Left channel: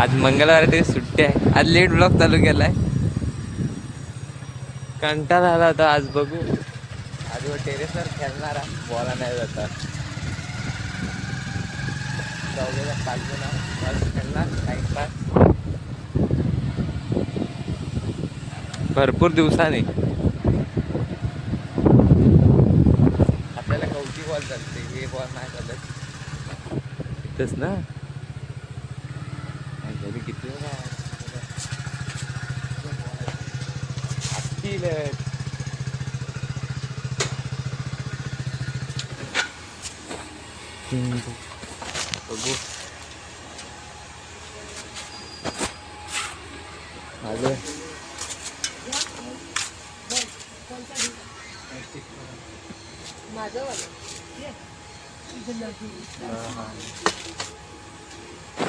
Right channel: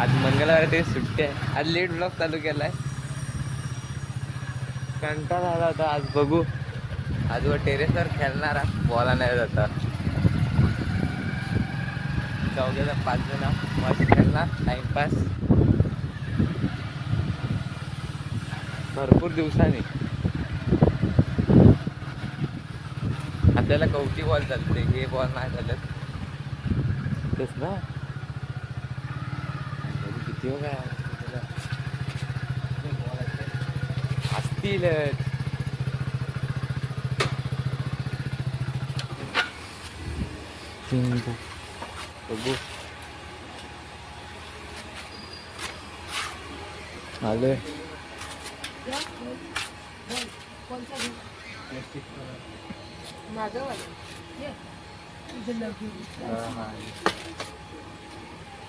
आज मंगळवार तरी सुट्टी आहे. आज लेट ब्लॉग चालू केलाय. कंटाळा आला होता आज. बघू आज वर टेरेसवर खेळणारा बॉला नाही जाता. चौघेचा 5 जण मस्त खेळणार टाइमपास. भरपूर दिवसांनी आपल्याला कवटी बॉल चालते, हे बॉल नाही चालत. तेच ना घरी किती असतील. बघू आलोय.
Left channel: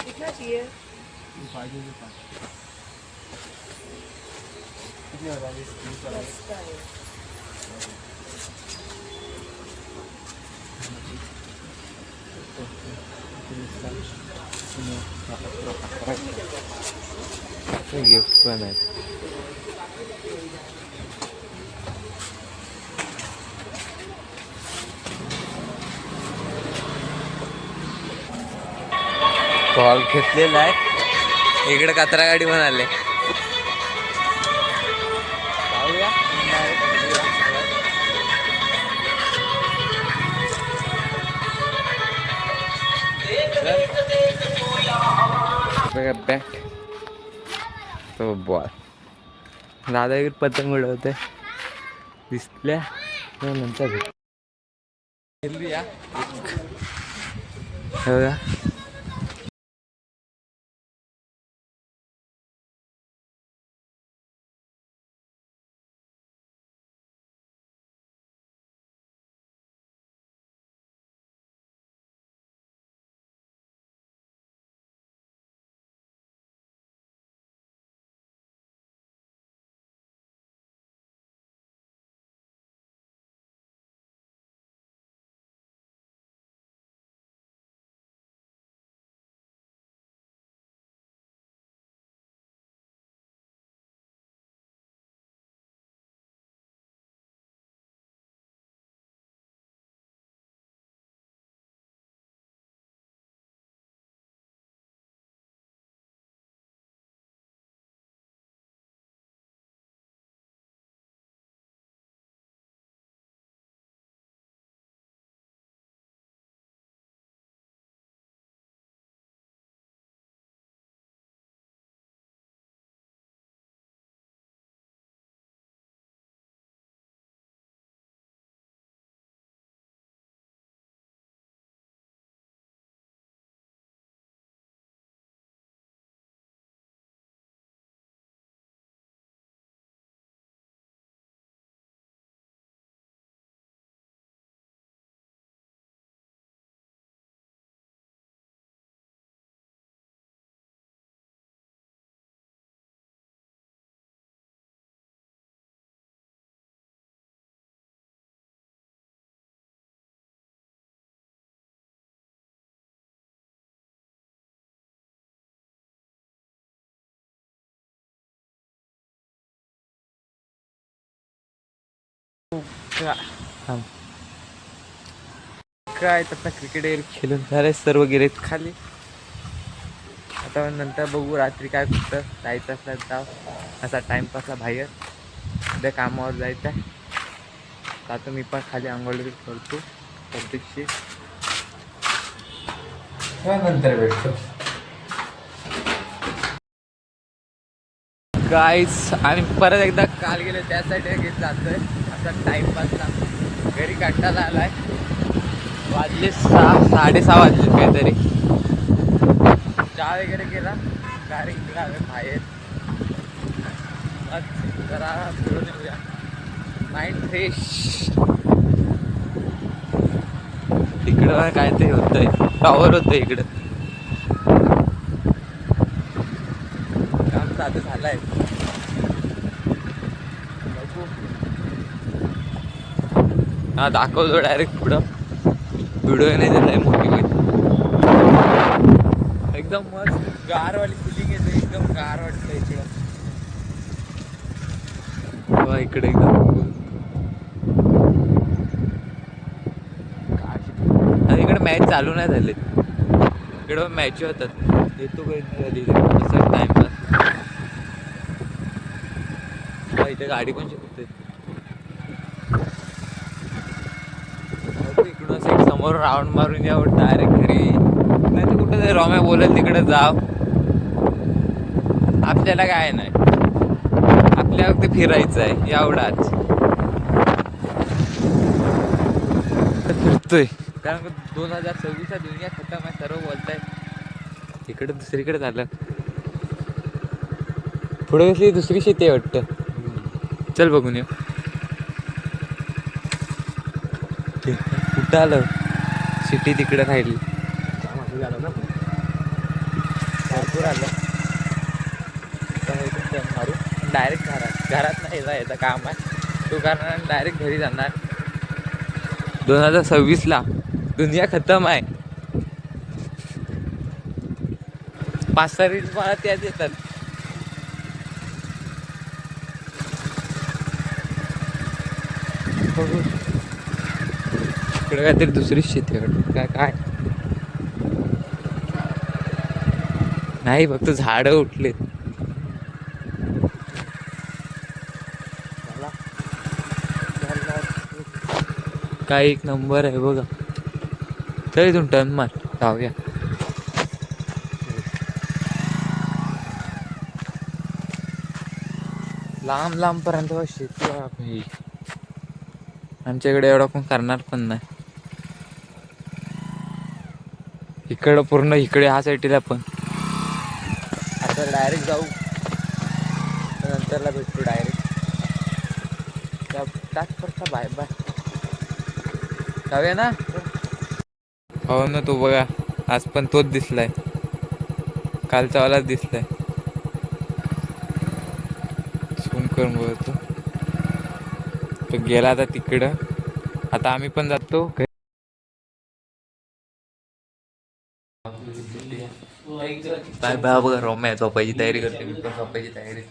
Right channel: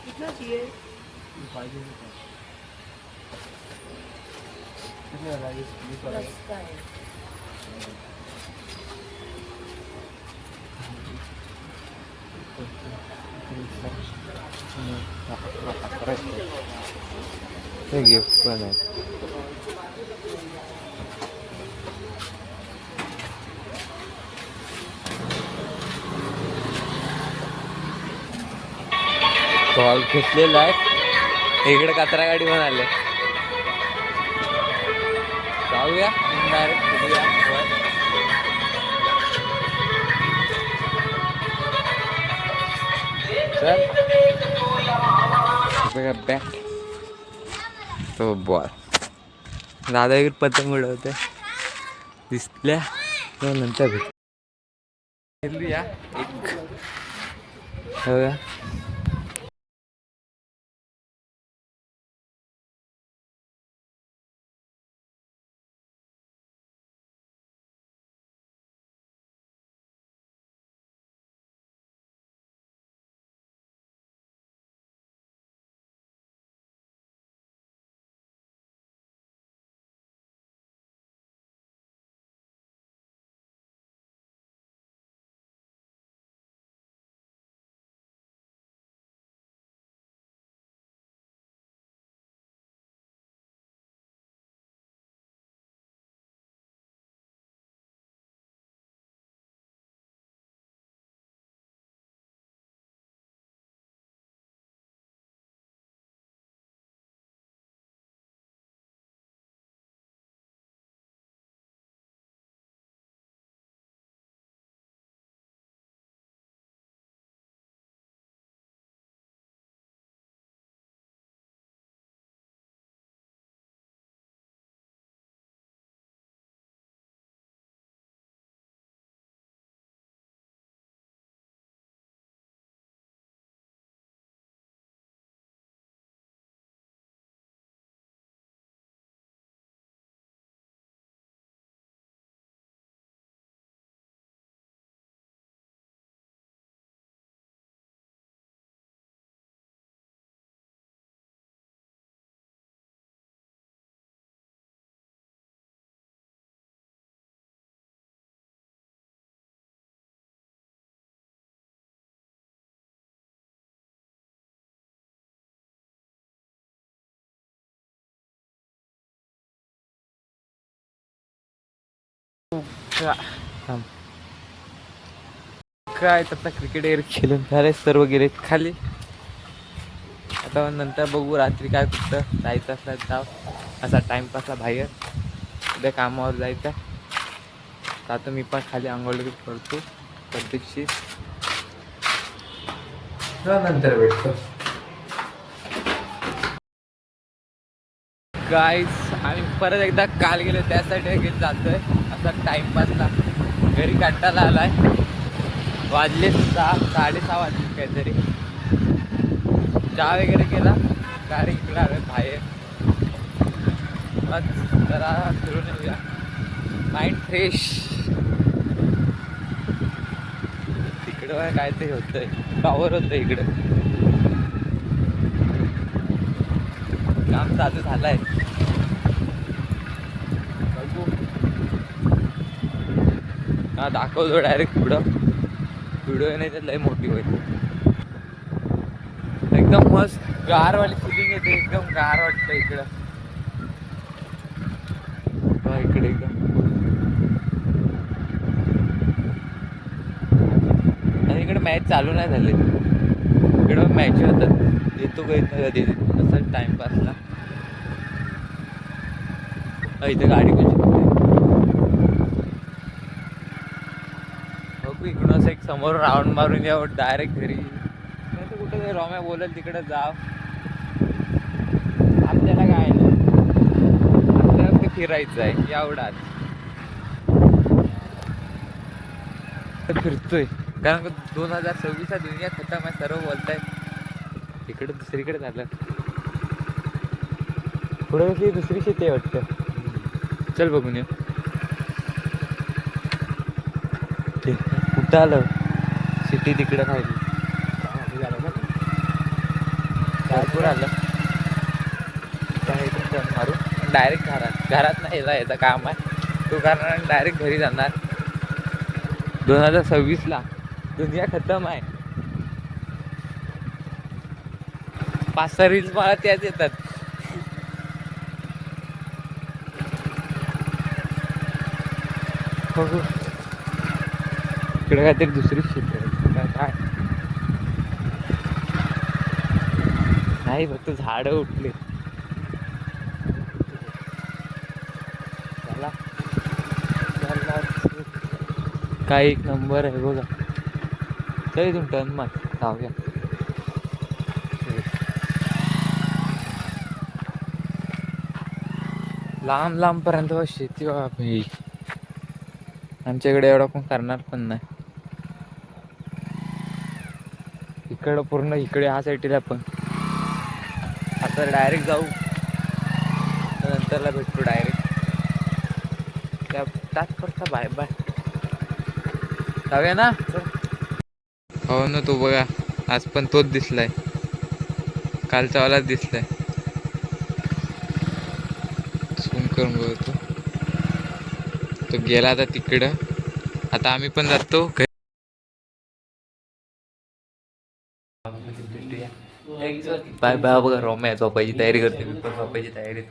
कितना चाहिए? गिफ्ट पण आहे. बॉल घेतलेला आहे. इकडे कचरा गाडी पण आले. जाऊया बॅट तो बॉल. दादा इकडे पतंग उडवते दिसल्या तो नंतर खेळूया. काय आता क्रिकेट वगैरे खेळून झाले, सर्व गेलेत खाली. आता नंतर बघू रात्री काय कुठं जायचं असलं जाव. असा टाइमपासला बाहेर. उद्या कामावर जायचं आहे. आता मी पण खाली आंघोळ करतो प्रत्यक्षी. नंतर भेटतो. गाईस आम्ही परत एकदा काल गेलो त्यासाठी घेत जातोय असा टाइमपासला. घरी कंटाळा आलाय. वाजले 6-6:30 वाजले काहीतरी. चहा वगैरे केला. डायरेक्ट इकडे बाहेर जरा फिरून येऊया. Mind fresh. इकडं काहीतरी होतंय. टॉवर होतं इकडं. काम चालू झालंय. बघू हा दाखवतो डायरेक्ट पुढं. व्हिडिओ नाही दिलाय मोठी होईल एकदम मस्त. गारवाली फिलिंग येते, एकदम गार वाटतं इकडं. तेव्हा इकडे एकदम आणि इकडे मॅच चालू नाही झाले. इकडं मॅच होतात, येतो काही नाही कधी असं टाइमपास नाही. इथे गाडी पण शिकते. इकडून असं एक समोर राऊंड मारून यावं डायरेक्ट घरी, नाही तर कुठं ते रॉम्या बोलेल तिकडे जाव. आपल्याला काय नाही, आपल्या वक्ती फिरायचं आहे एवढाच. फिरतोय कारण 2026 हा दुनिया खतम आहे सर्व बोलताय. इकडे दुसरीकडे झालं, पुढे कसली दुसरी शेती आहे वाटतं. चल बघून ये. कुठं आलं, सिटी तिकडे राहिली. भरपूर आलं मारून डायरेक्ट घरात नाही यायचं काम आहे तो, कारण डायरेक्ट घरी जाणार. 2026 दुनिया खतम आहे. 5-6 रील्स मला त्याच येतात. हो हो, इकडे काहीतरी दुसरीच शेती काय काय नाही, फक्त झाडं उठलेत. काय एक नंबर आहे बघा. तर इथून टर्न मार, जाऊया. लांब लांब पर्यंत शेती भाई. आमच्याकडे एवढा कोण करणार पण नाही. इकडं पूर्ण इकडे ह्या साईडला पण. आता डायरेक्ट जाऊ, नंतरला भेटतो डायरेक्ट त्या तात्पुरता. बाय बाय, जाऊया ना. हो ना, तो बघा आज पण तोच दिसलाय, कालचा वालाच दिसलाय. झूम करून बघतो, तो गेला आता तिकडं. आता आम्ही पण जातो घरी. Bye bye. बघा रोम्या झोपायची तयारी करतो, मी पण झोपायची तयारी.